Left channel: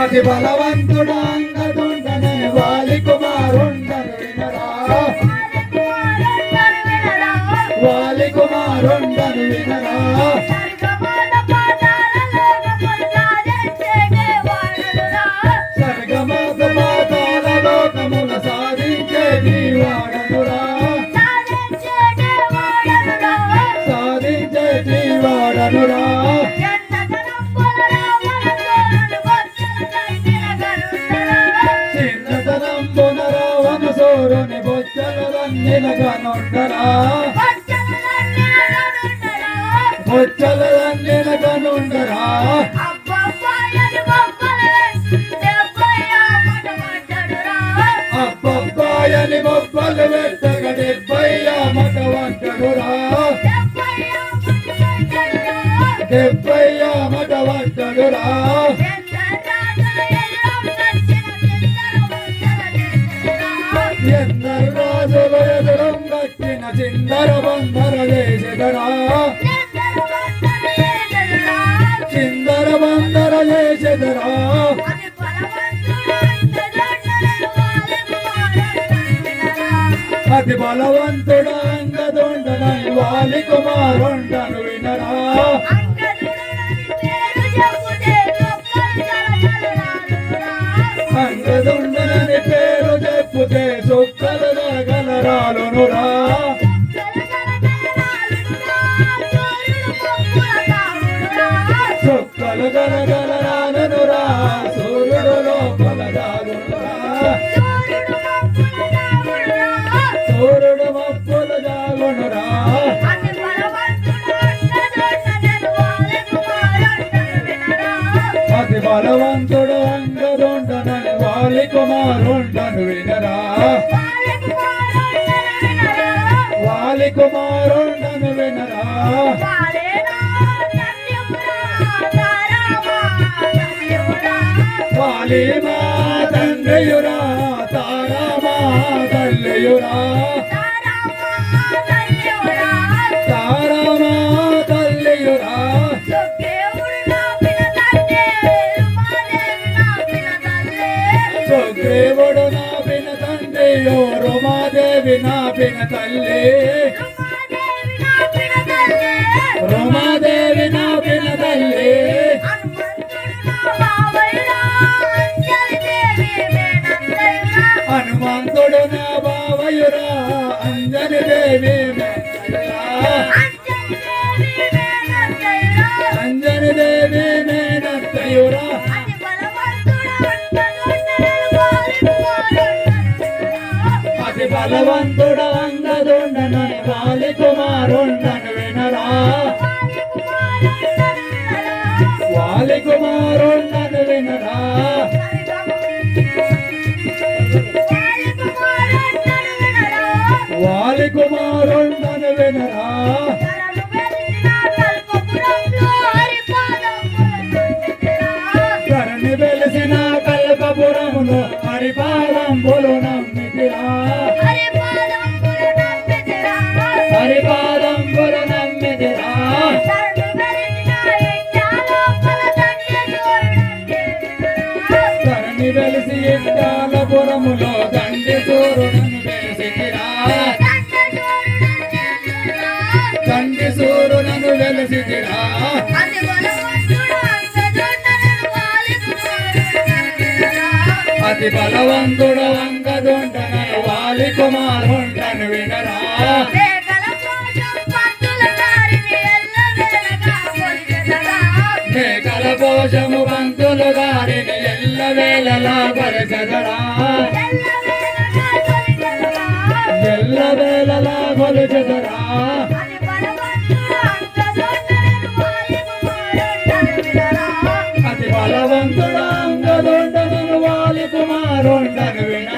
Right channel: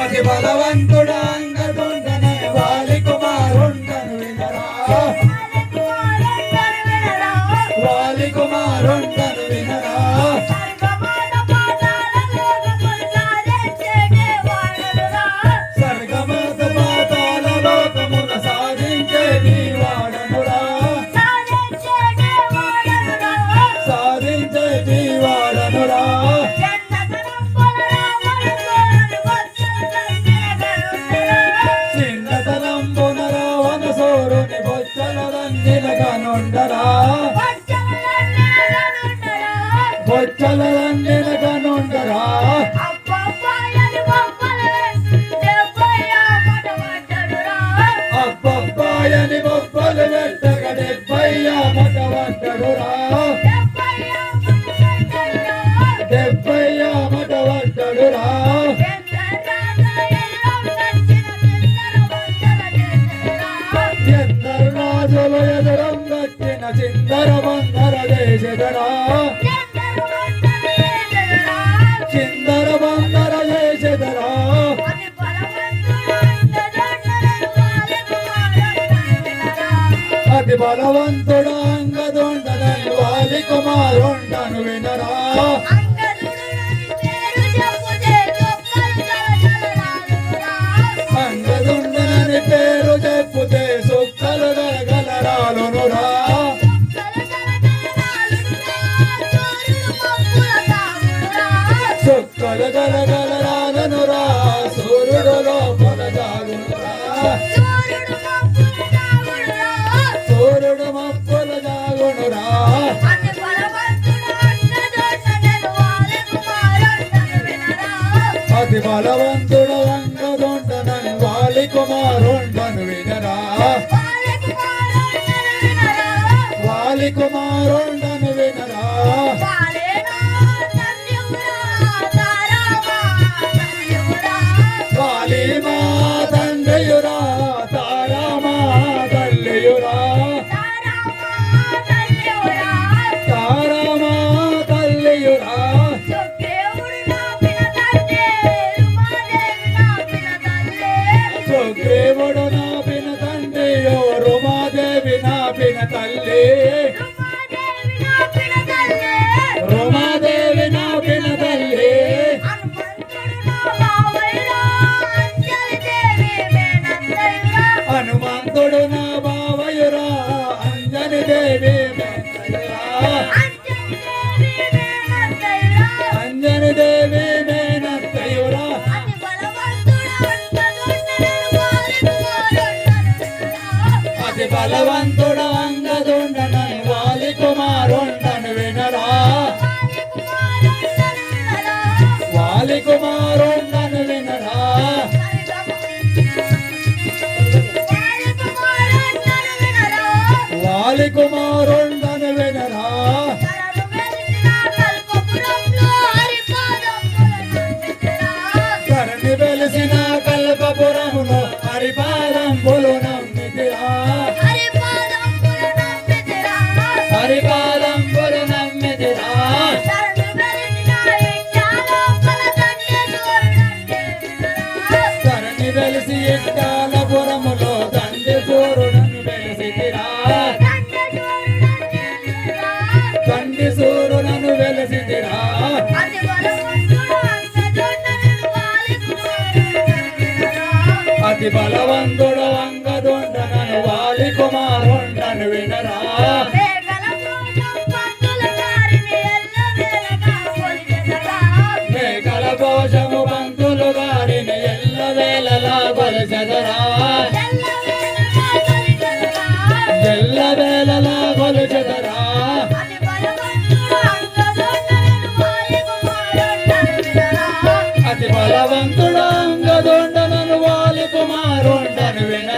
అతి బలవంతుడా అంగదుండనే వాలి కుమారుండను వినరా వాలి కుమారుండను వినరా సర్గమాత పాతాల లోకమున సాధించేది వాడనురా సాధించేది వాడనురా సోరుని బొచ్చలరన్నినగనుండరా బొచ్చలరన్నినగనుండరా అబ్బబ్బాయని బొబ్బలు పెట్టగ 70 మటవడ్డడురా 70 మటవడ్డడురా ఎందరు రాజులు ఎదురంగట్టిన చిందర బందర చేసెదరా చిందర బందర చేసెదరా అతి బలవంతుడు అంగదుండను వాలి కుమారుండను వినరా అంగదుండని పేరు చెప్పుతే సుక్కలు గలగలరాలునురా సుక్కలు గలగలరాలునురా సూర్యుడు లోపల జాగునురా సూర్యుడు మప్పుల జాగునురా అతి బలవంతుడు అంగదుండనని వాలి కుమారుండను వినరా వాలి కుమారుండను వినరా వాలి మా తండ్రియురా తారమా తల్లియురా తారమా తల్లియురా సుగ్రీవుడు నాపిన తండ్రియో రుమాదేవి నాపిన తల్లి రుమాదేవి నాపిన తల్లి హనుమంతుడు నా బావయురా అంజని దేవి అంజని దేవి మేనత్తయురా అతి బలవంతుడు అంగదుండను వాలి కుమారుండను వినరా వాలి కుమారుండను వినరా వాలి కుమారుండను వినరా కరణి వెలిసిన కల్పపురములో హరిపాదంబులు నమ్మితిరా హరిపాదంబులు నమ్మితిరా కరణి వెలిసి ఇట్టాలపురములో దండి సూర్యుడను వెలిసితిరా దండి సూర్యుడను వెలిసితిరా అతి బలవంతుడు అంగదుండను వాలి కుమారుండను వినరా మేకల కోశము పంతులు గారిని ఎల్లవేళలా కొలిచెదరా ఎల్లవేళలా కొలిచెదరా అతి బలవంతుడు అంగదుండను వాలి కుమారుండను వినరా